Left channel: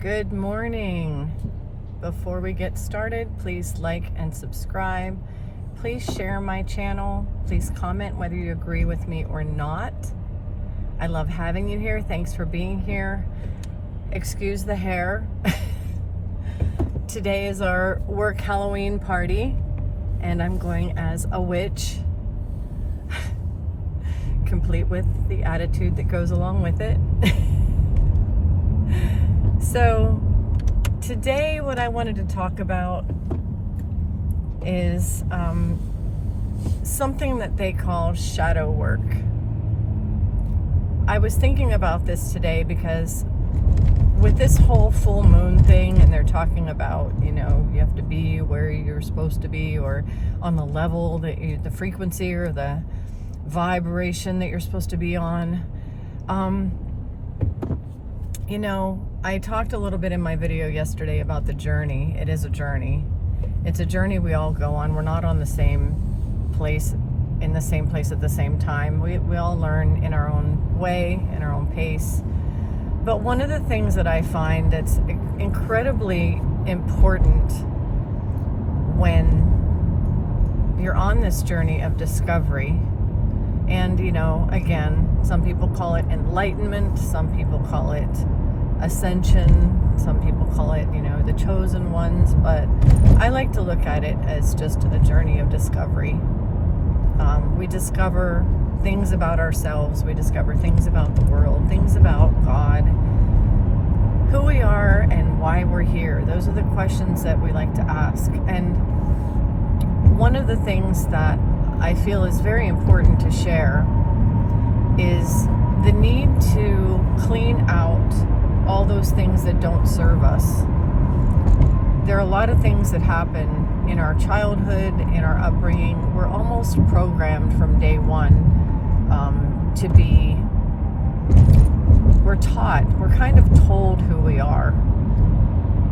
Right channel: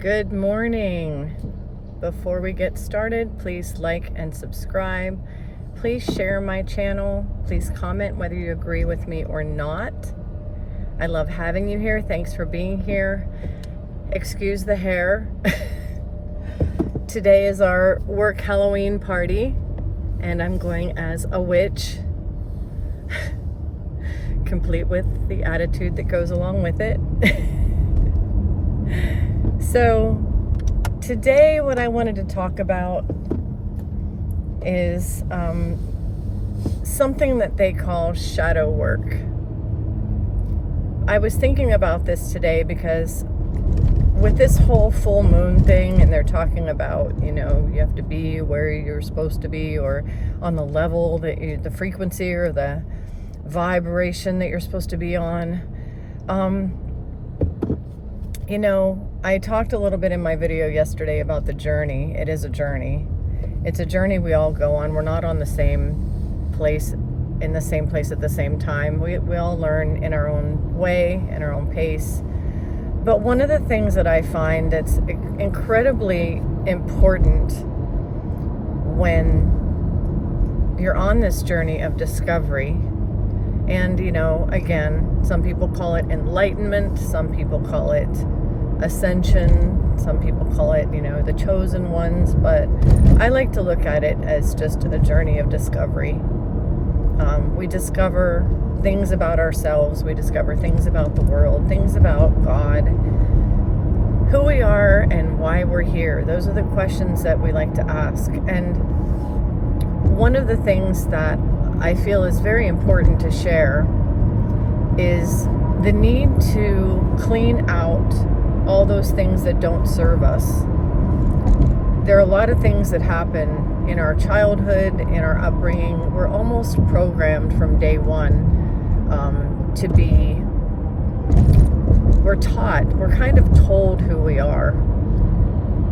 Good morning. Before we get started, please like and subscribe. Please share my channel. Please comment whether you agree with me or not. I love having you here. Thanks for being here. Excuse the hair. Today is our work Halloween party, and I'm going as a witch, complete with the attitude that goes along with it. So today what I wanted to talk about is something that they call shadow work. I was thinking about this today because with this whole full moon thing, and they're talking about, you have to be where you're supposed to be, or on the level that the frequency or the vibration that you're supposed to be on. I talked a little bit in my video yesterday about the journey. It is a journey. It's a journey we all go on. We're not on the same place, in the same place at the same time. We all learn in our own way, in our own pace. But one of the things that I find that's incredibly important when you're on this journey of discovery, and again, some people call it enlightenment, some people call it ascension, some people call it, the chosen ones, but I like to look at it as just a journey of discovery. We discover things about ourselves, we discover things about the world, things about God, who we are and why we're here. Those are the questions that we like to ask. And one of the things that I feel is very important to share is the need to clean out all those things that don't serve us. There are a lot of things that happen in our childhood, in our upbringing. We're almost programmed from day one to be, we're taught, we're kind of told who we are.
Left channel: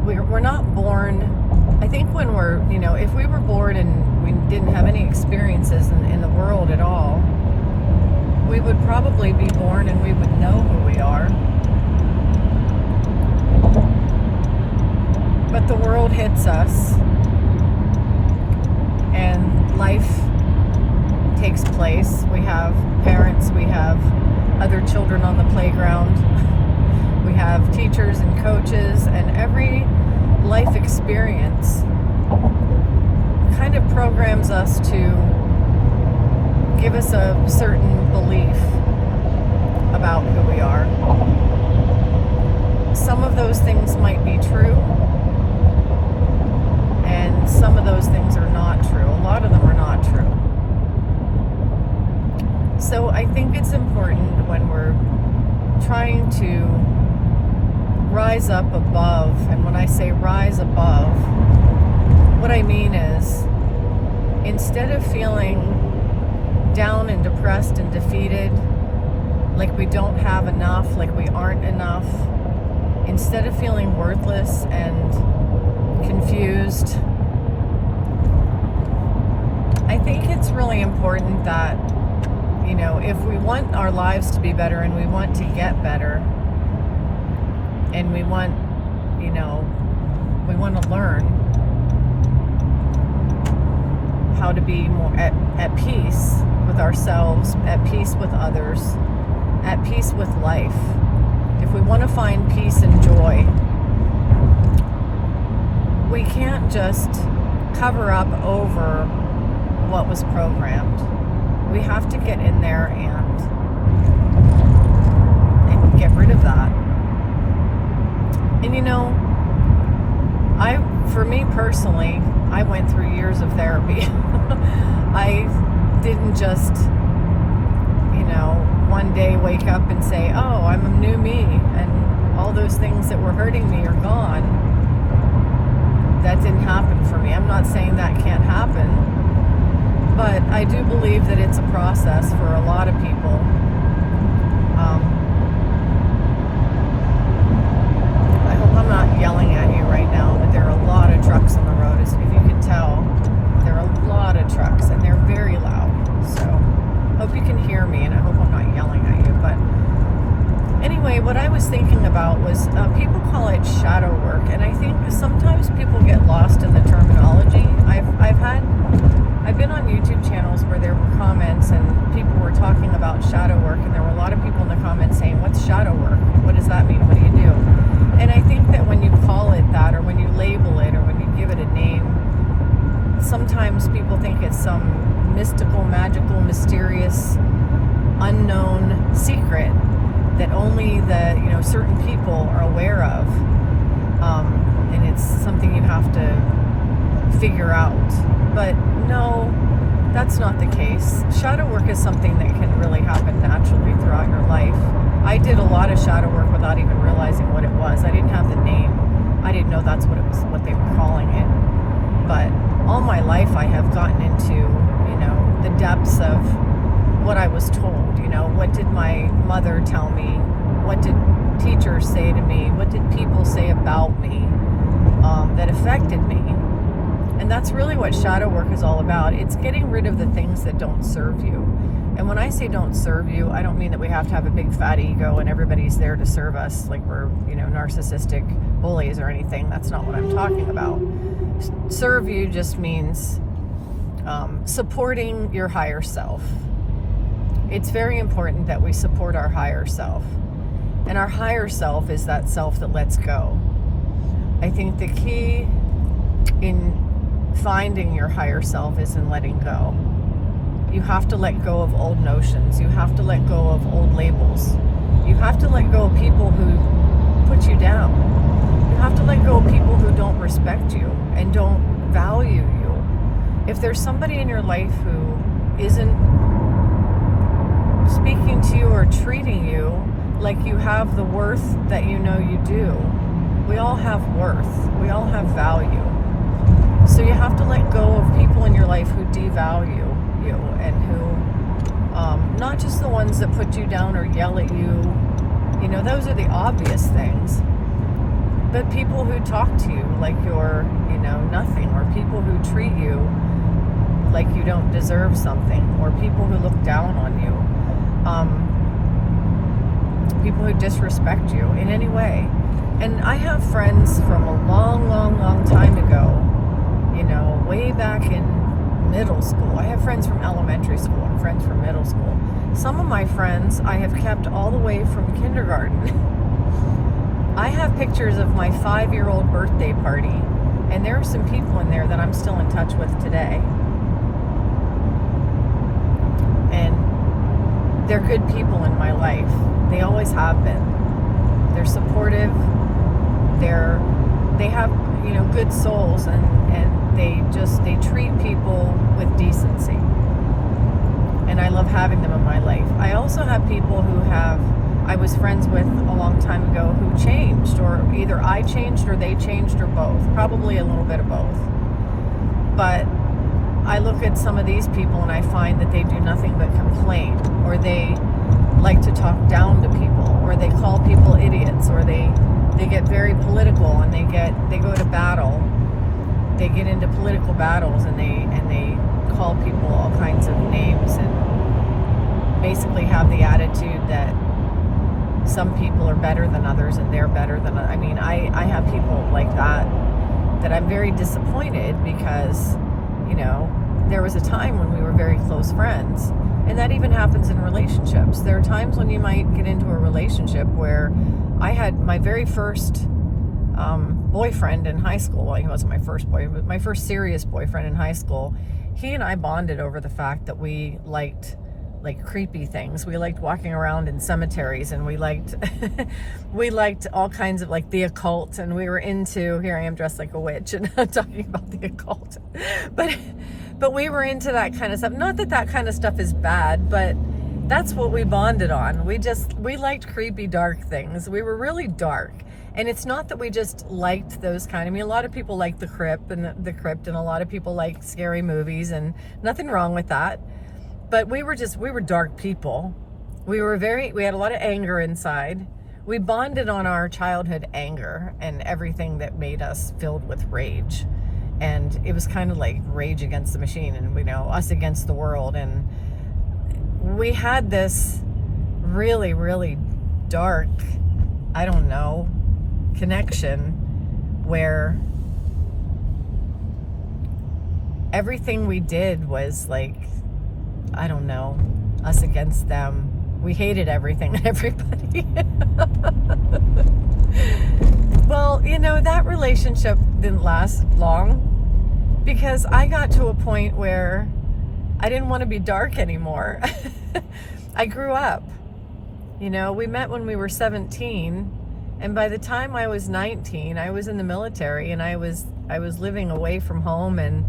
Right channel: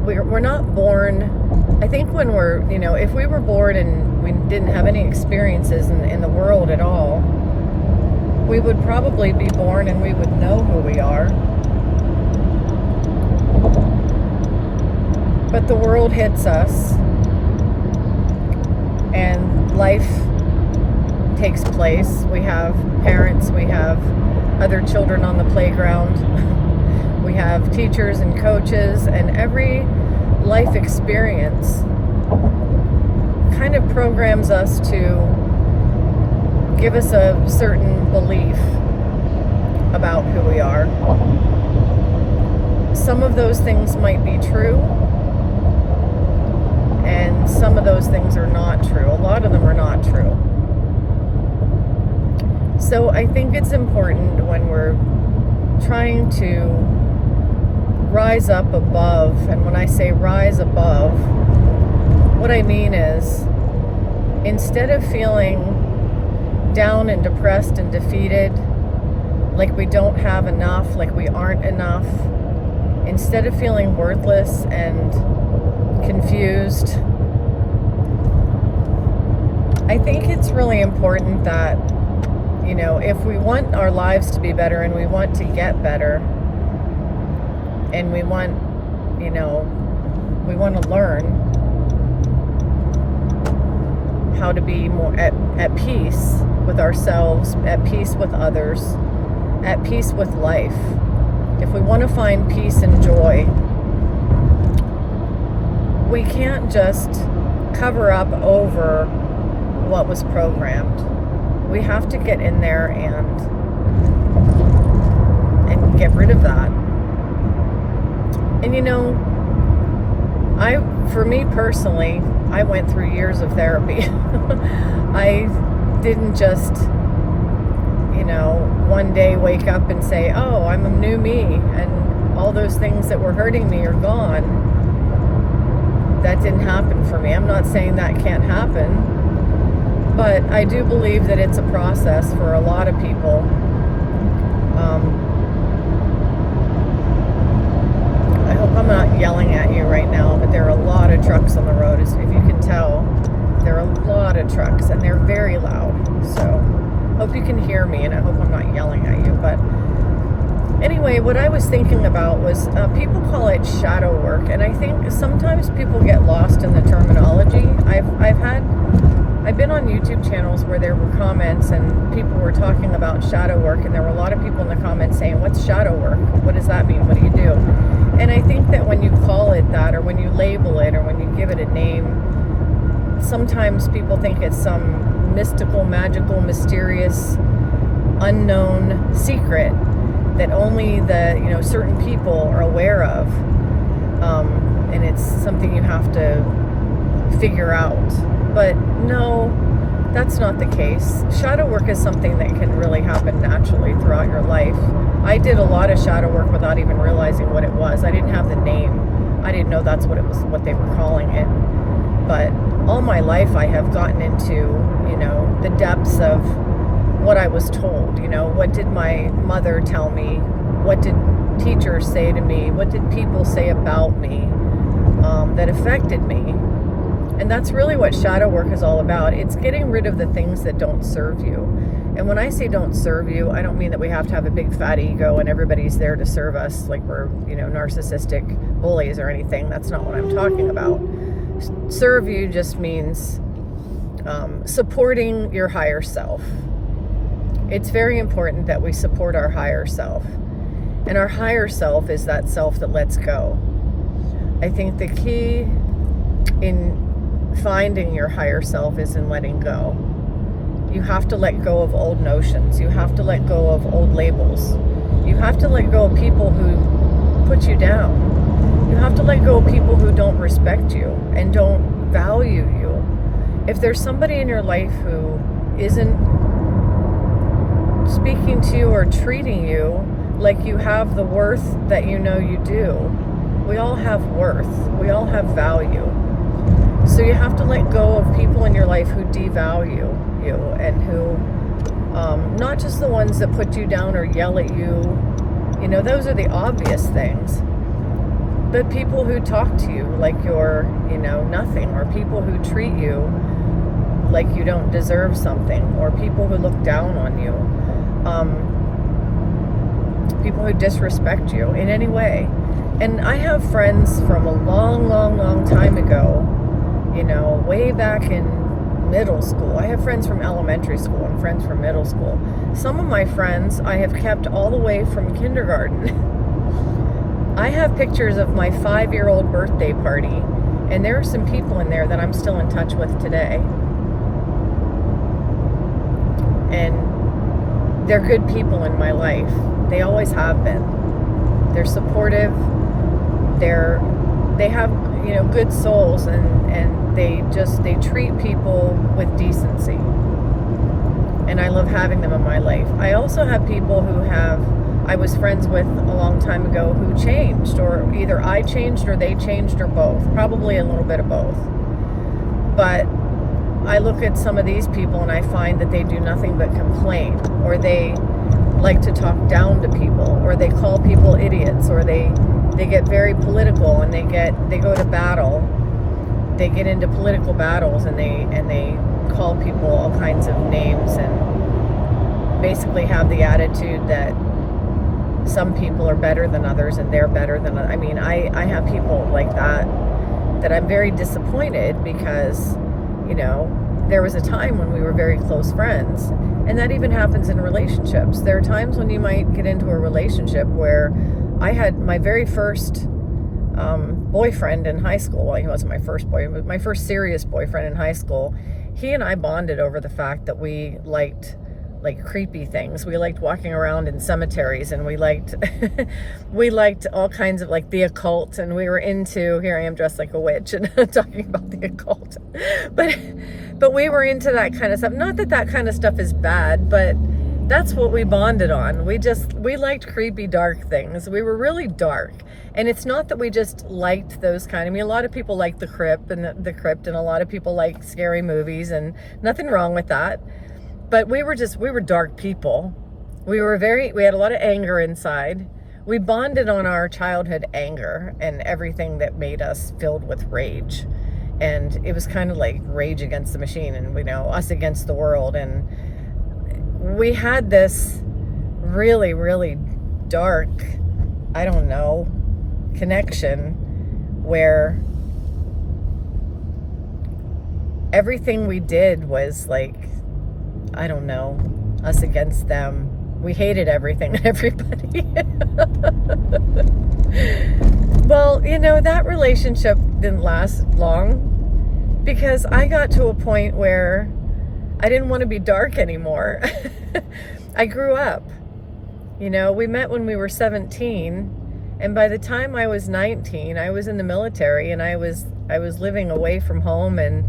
We're not born, I think when we're, if we were born and we didn't have any experiences in the world at all, we would probably be born and we would know who we are. But the world hits us and life takes place. We have parents, we have other children on the playground, we have teachers and coaches, and every life experience kind of programs us to give us a certain belief about who we are. Some of those things might be true, and some of those things are not true. A lot of them are not true. So I think it's important when we're trying to rise up above, and when I say rise above, what I mean is, instead of feeling down and depressed and defeated, like we don't have enough, like we aren't enough, instead of feeling worthless and confused, I think it's really important that, if we want our lives to be better and we want to get better, and we want to learn how to be more at peace with ourselves, at peace with others, at peace with life. If we want to find peace and joy, we can't just cover up over what was programmed. We have to get in there and get rid of that. And for me personally, I went through years of therapy. I didn't just, one day wake up and say, oh, I'm a new me, and all those things that were hurting me are gone. That didn't happen for me. I'm not saying that can't happen, but I do believe that it's a process for a lot of people. I hope I'm not yelling at you right now, but there are a lot of trucks on the road. If you can tell, there are a lot of trucks, and they're very loud. So hope you can hear me, and I hope I'm not yelling at you. But Anyway, what I was thinking about was people call it shadow work, and I think sometimes people get lost in the terminology. I've been on YouTube channels where there were comments and people were talking about shadow work, and there were a lot of people in the comments saying, "What's shadow work? What does that mean? What do you do?" And I think that when you call it that, or when you label it, or when you give it a name, sometimes people think it's some mystical, magical, mysterious, unknown secret that only the certain people are aware of, and it's something you have to figure out. But no, that's not the case. Shadow work is something that can really happen naturally throughout your life. I did a lot of shadow work without even realizing what it was. I didn't have the name. I didn't know that's what they were calling it. But all my life I have gotten into the depths of what I was told. What did my mother tell me? What did teachers say to me? What did people say about me that affected me? And that's really what shadow work is all about. It's getting rid of the things that don't serve you. And when I say don't serve you, I don't mean that we have to have a big fat ego and everybody's there to serve us like we're narcissistic bullies or anything. That's not what I'm talking about. Serve you just means supporting your higher self. It's very important that we support our higher self. And our higher self is that self that lets go. I think the key in finding your higher self is in letting go. You have to let go of old notions. You have to let go of old labels. You have to let go of people who put you down. You have to let go of people who don't respect you and don't value you. If there's somebody in your life who isn't speaking to you or treating you like you have the worth that you do, we all have worth. We all have value. So you have to let go of people in your life who devalue you and who, not just the ones that put you down or yell at you, those are the obvious things, but people who talk to you like you're, nothing, or people who treat you like you don't deserve something, or people who look down on you, people who disrespect you in any way. And I have friends from a long, long, long time ago, way back in middle school. I have friends from elementary school and friends from middle school. Some of my friends I have kept all the way from kindergarten. I have pictures of my 5-year-old birthday party, and there are some people in there that I'm still in touch with today. And they're good people in my life. They always have been. They're supportive. They have good souls, and they treat people with decency, and I love having them in my life. I also have people who I was friends with a long time ago who changed, or either I changed or they changed, or both, probably a little bit of both. But I look at some of these people and I find that they do nothing but complain, or they like to talk down to people, or they call people idiots, or they get very political, and they go to battle. They get into political battles, and they call people all kinds of names, and basically have the attitude that some people are better than others and they're better than others. I mean, I have people like that I'm very disappointed, because there was a time when we were very close friends, and that even happens in relationships. There are times when you might get into a relationship where I had my very first boyfriend in high school. Well, he wasn't my first boyfriend, but my first serious boyfriend in high school. He and I bonded over the fact that we liked creepy things. We liked walking around in cemeteries, and we liked all kinds of the occult, and we were into, here I am dressed like a witch and talking about the occult, but we were into that kind of stuff. Not that kind of stuff is bad, but that's what we bonded on. We liked creepy, dark things. We were really dark. And it's not that we just liked those kind. I mean, a lot of people like the crypt, and a lot of people like scary movies, and nothing wrong with that. But we were dark people. We had a lot of anger inside. We bonded on our childhood anger and everything that made us filled with rage. And it was kind of like Rage Against the Machine, and us against the world. And we had this really, really dark, I don't know, connection where everything we did was like, I don't know, us against them. We hated everything and everybody. Well, that relationship didn't last long because I got to a point where I didn't want to be dark anymore. I grew up. We met when we were 17, and by the time I was 19, I was in the military, and I was living away from home, and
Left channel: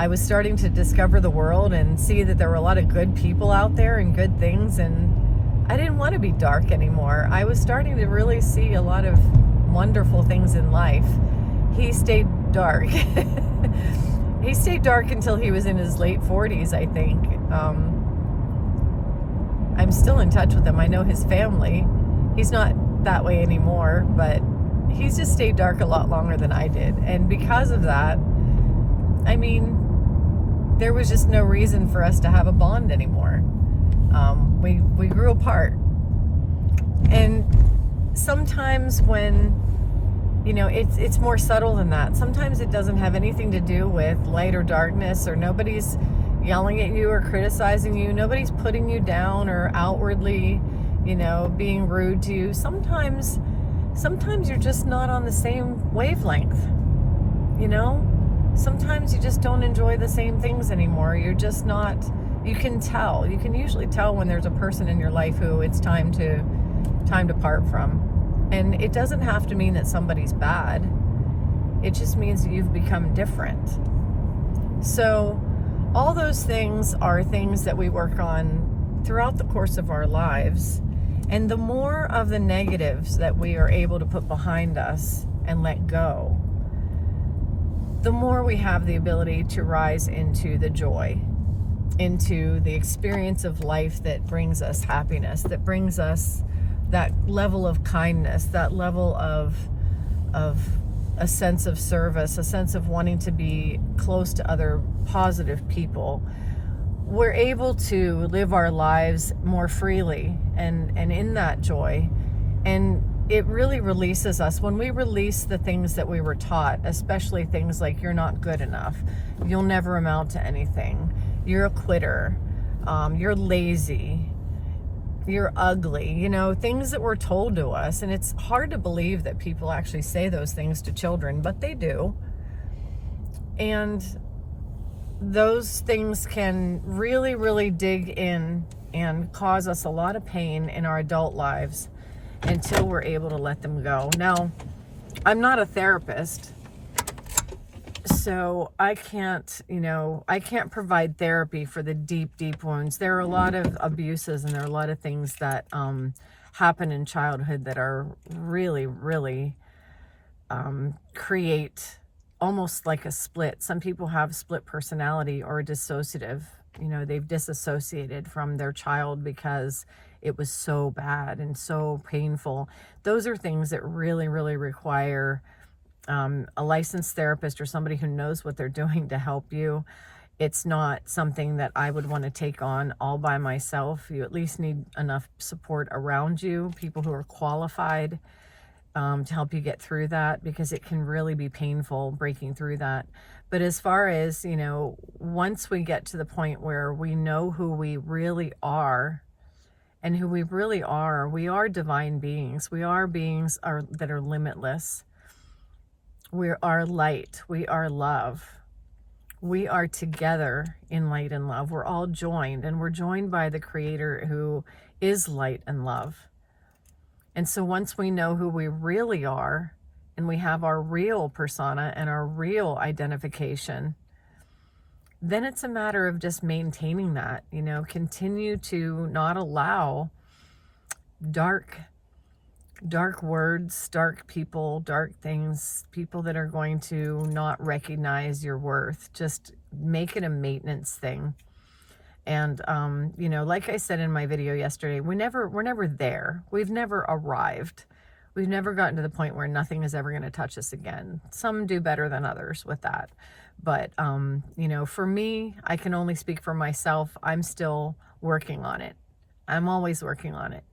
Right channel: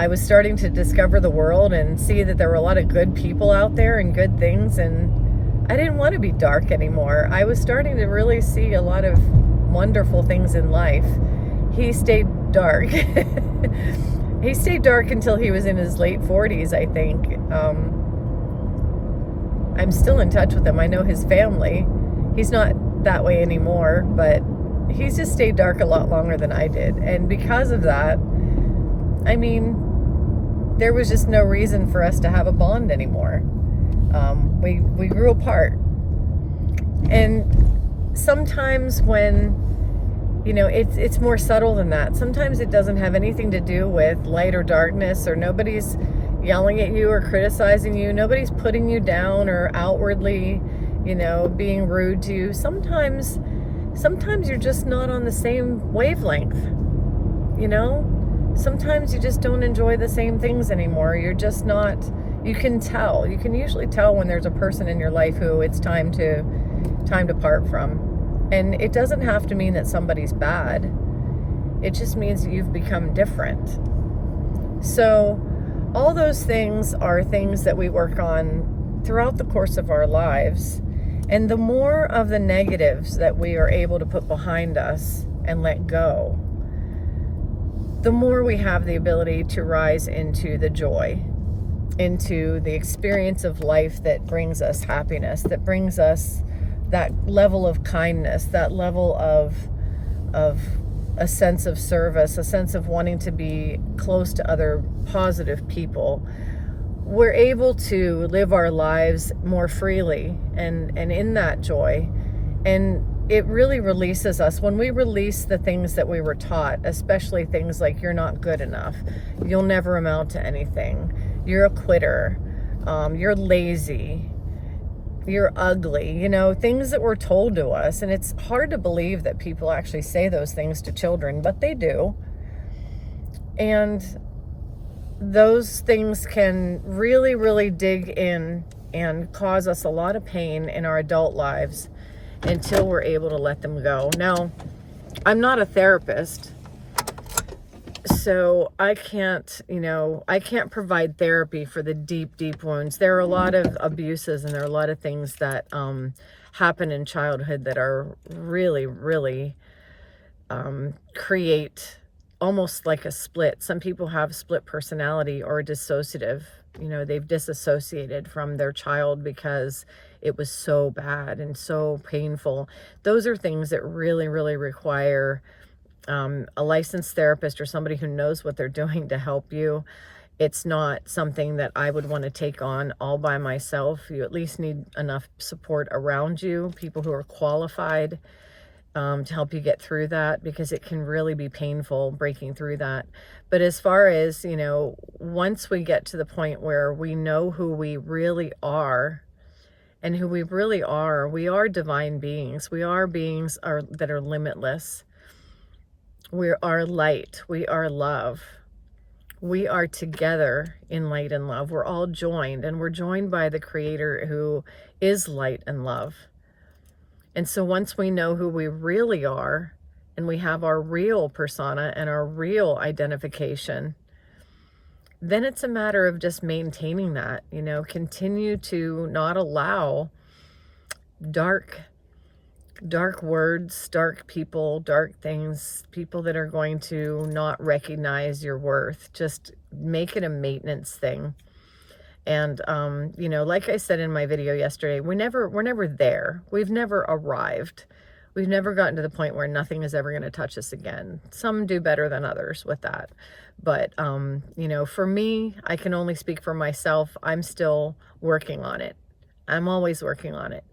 I was starting to discover the world and see that there were a lot of good people out there and good things, and I didn't want to be dark anymore. I was starting to really see a lot of wonderful things in life. He stayed dark. He stayed dark until he was in his late 40s, I think. I'm still in touch with him. I know his family. He's not that way anymore, but he's just stayed dark a lot longer than I did. And because of that, there was just no reason for us to have a bond anymore. We grew apart. And sometimes when, it's more subtle than that. Sometimes it doesn't have anything to do with light or darkness, or nobody's yelling at you or criticizing you. Nobody's putting you down or outwardly, being rude to you. Sometimes you're just not on the same wavelength, Sometimes you just don't enjoy the same things anymore. You're just not, you can tell. You can usually tell when there's a person in your life who it's time to part from. And it doesn't have to mean that somebody's bad. It just means that you've become different. So all those things are things that we work on throughout the course of our lives. And the more of the negatives that we are able to put behind us and let go, the more we have the ability to rise into the joy, into the experience of life that brings us happiness, that brings us that level of kindness, that level of a sense of service, a sense of wanting to be close to other positive people. We're able to live our lives more freely and in that joy. And it really releases us when we release the things that we were taught, especially things like you're not good enough, you'll never amount to anything, you're a quitter, you're lazy, you're ugly, things that were told to us. And it's hard to believe that people actually say those things to children, but they do. And those things can really, really dig in and cause us a lot of pain in our adult lives until we're able to let them go. Now, I'm not a therapist, so I can't provide therapy for the deep, deep wounds. There are a lot of abuses, and there are a lot of things that happen in childhood that are really, really create almost like a split. Some people have split personality or dissociative. They've disassociated from their child because it was so bad and so painful. Those are things that really, really require a licensed therapist or somebody who knows what they're doing to help you. It's not something that I would want to take on all by myself. You at least need enough support around you, people who are qualified to help you get through that, because it can really be painful breaking through that. But as far as, once we get to the point where we know who we really are, and who we really are, we are divine beings. We are beings that are limitless. We are light. We are love. We are together in light and love. We're all joined, and we're joined by the Creator who is light and love. And so once we know who we really are, and we have our real persona and our real identification, then it's a matter of just maintaining that, continue to not allow dark words, dark people, dark things, people that are going to not recognize your worth. Just make it a maintenance thing. And, like I said in my video yesterday, we're never there. We've never arrived. We've never gotten to the point where nothing is ever going to touch us again. Some do better than others with that. But, for me, I can only speak for myself. I'm still working on it. I'm always working on it.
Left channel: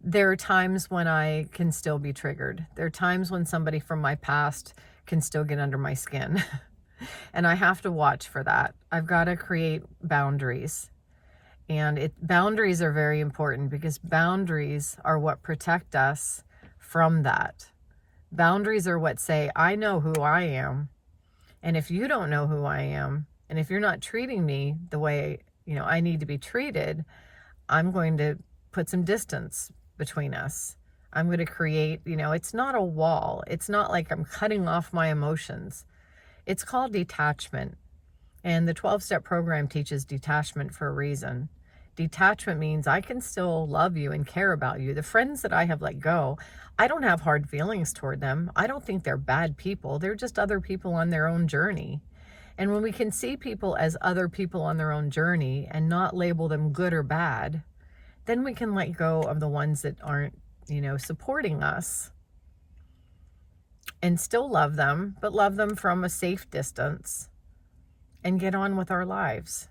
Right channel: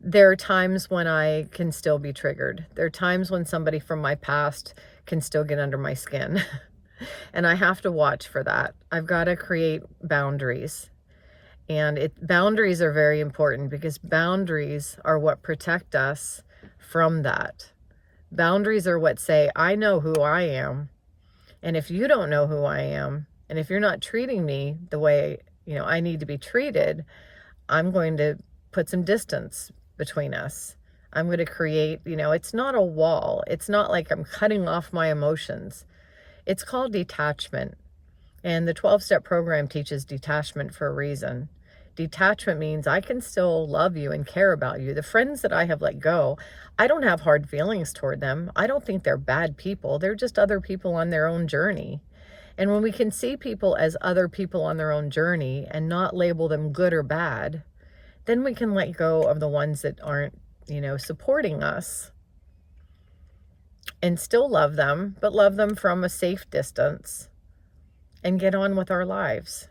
there are times when I can still be triggered. There are times when somebody from my past can still get under my skin. And I have to watch for that. I've got to create boundaries. And boundaries are very important because boundaries are what protect us from that. Boundaries are what say, I know who I am. And if you don't know who I am, and if you're not treating me the way, I need to be treated, I'm going to put some distance between us. I'm going to create, it's not a wall. It's not like I'm cutting off my emotions. It's called detachment. And the 12-step program teaches detachment for a reason. Detachment means I can still love you and care about you. The friends that I have let go, I don't have hard feelings toward them. I don't think they're bad people. They're just other people on their own journey. And when we can see people as other people on their own journey and not label them good or bad, then we can let go of the ones that aren't, supporting us, and still love them, but love them from a safe distance and get on with our lives.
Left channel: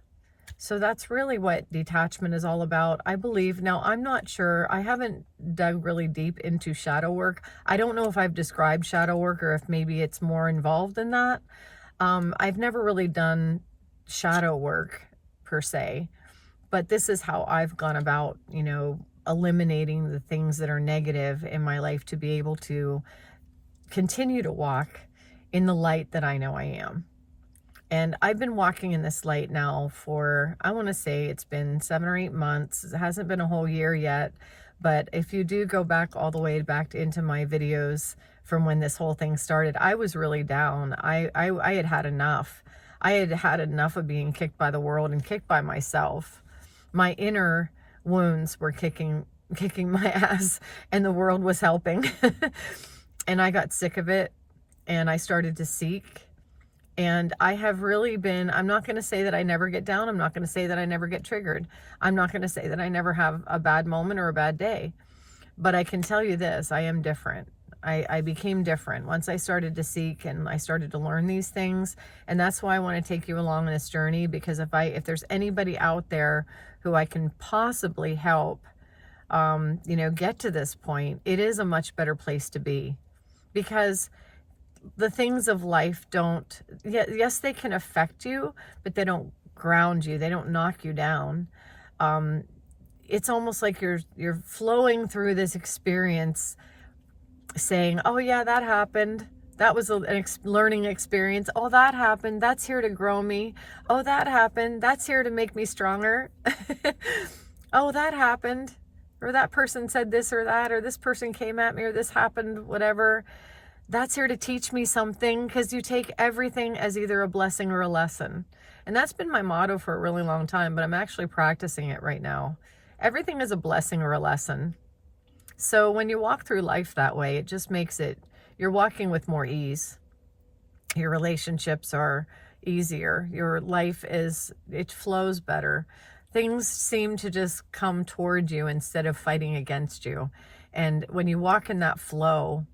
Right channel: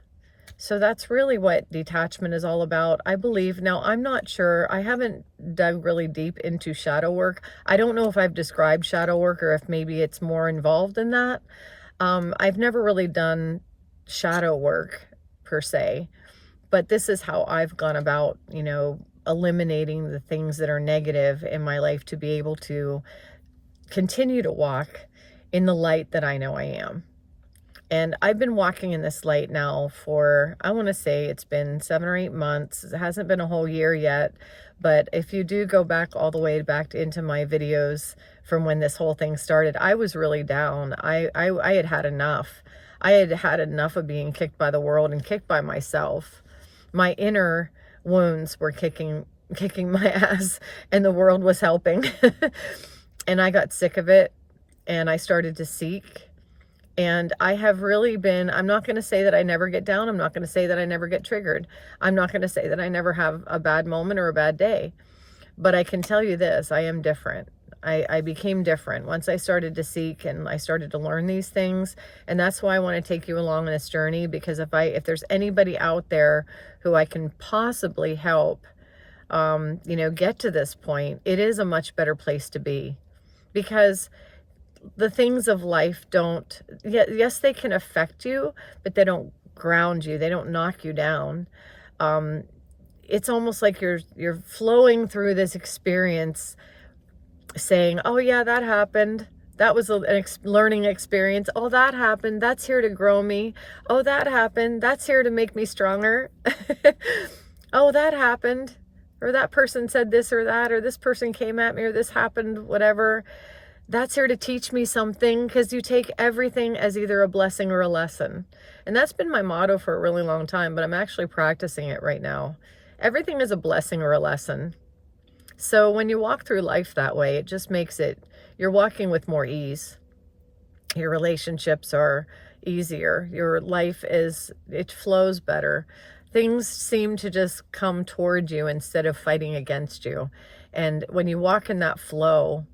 So that's really what detachment is all about, I believe. Now, I'm not sure. I haven't dug really deep into shadow work. I don't know if I've described shadow work or if maybe it's more involved in that. I've never really done shadow work per se, but this is how I've gone about, eliminating the things that are negative in my life to be able to continue to walk in the light that I know I am. And I've been walking in this light now for, I want to say it's been 7 or 8 months. It hasn't been a whole year yet. But if you do go back all the way back into my videos from when this whole thing started, I was really down. I had had enough. I had had enough of being kicked by the world and kicked by myself. My inner wounds were kicking my ass, and the world was helping. And I got sick of it, and I started to seek. And I have really been, I'm not going to say that I never get down. I'm not going to say that I never get triggered. I'm not going to say that I never have a bad moment or a bad day. But I can tell you this, I am different. I became different once I started to seek and I started to learn these things. And that's why I want to take you along on this journey, because if there's anybody out there who I can possibly help, get to this point, it is a much better place to be. Because the things of life yes, they can affect you, but they don't ground you. They don't knock you down. It's almost like you're flowing through this experience saying, oh yeah, that happened. That was a learning experience. Oh, that happened. That's here to grow me. Oh, that happened. That's here to make me stronger. Oh, that happened. Or that person said this or that, or this person came at me, or this happened, whatever. That's here to teach me something, because you take everything as either a blessing or a lesson. And that's been my motto for a really long time, but I'm actually practicing it right now. Everything is a blessing or a lesson. So when you walk through life that way, it just makes you're walking with more ease. Your relationships are easier. Your life it flows better. Things seem to just come toward you instead of fighting against you. And when you walk in that flow,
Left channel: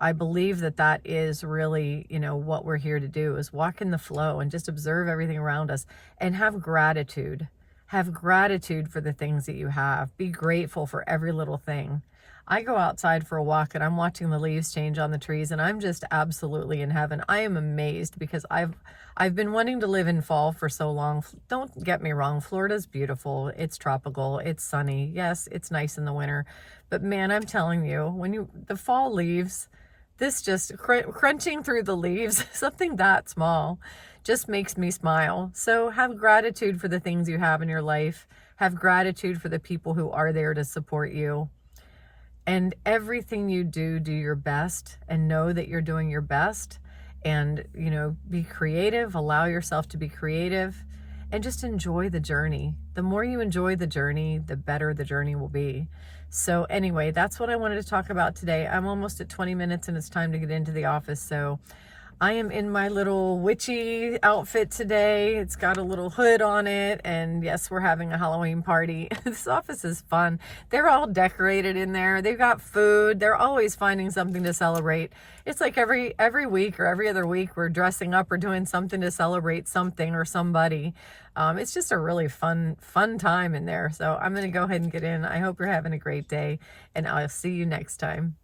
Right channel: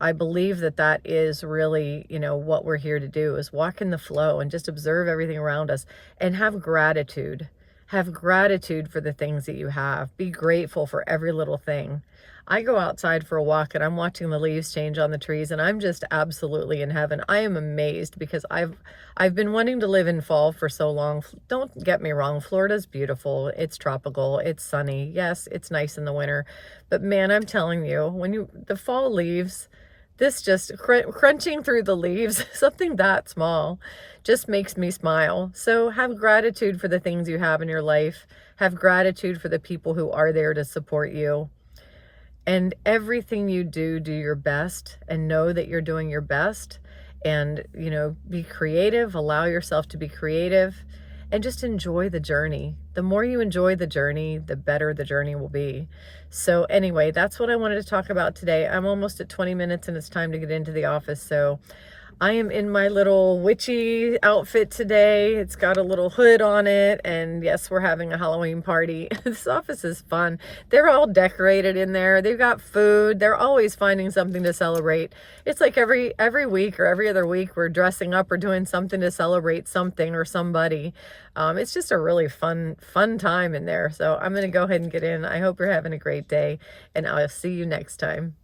I believe that is really, what we're here to do, is walk in the flow and just observe everything around us and have gratitude. Have gratitude for the things that you have. Be grateful for every little thing. I go outside for a walk and I'm watching the leaves change on the trees, and I'm just absolutely in heaven. I am amazed because I've been wanting to live in fall for so long. Don't get me wrong, Florida's beautiful. It's tropical, it's sunny. Yes, it's nice in the winter. But man, I'm telling you, the fall leaves, this just crunching through the leaves, something that small, just makes me smile. So have gratitude for the things you have in your life. Have gratitude for the people who are there to support you. And everything you do your best, and know that you're doing your best. And, be creative, allow yourself to be creative, and just enjoy the journey. The more you enjoy the journey, the better the journey will be. So anyway, that's what I wanted to talk about today. I'm almost at 20 minutes and it's time to get into the office. So I am in my little witchy outfit today. It's got a little hood on it, and yes, we're having a Halloween party. This office is fun. They're all decorated in there. They've got food. They're always finding something to celebrate. It's like every week or every other week we're dressing up or doing something to celebrate something or somebody. It's just a really fun time in there. So I'm going to go ahead and get in. I hope you're having a great day, and I'll see you next time.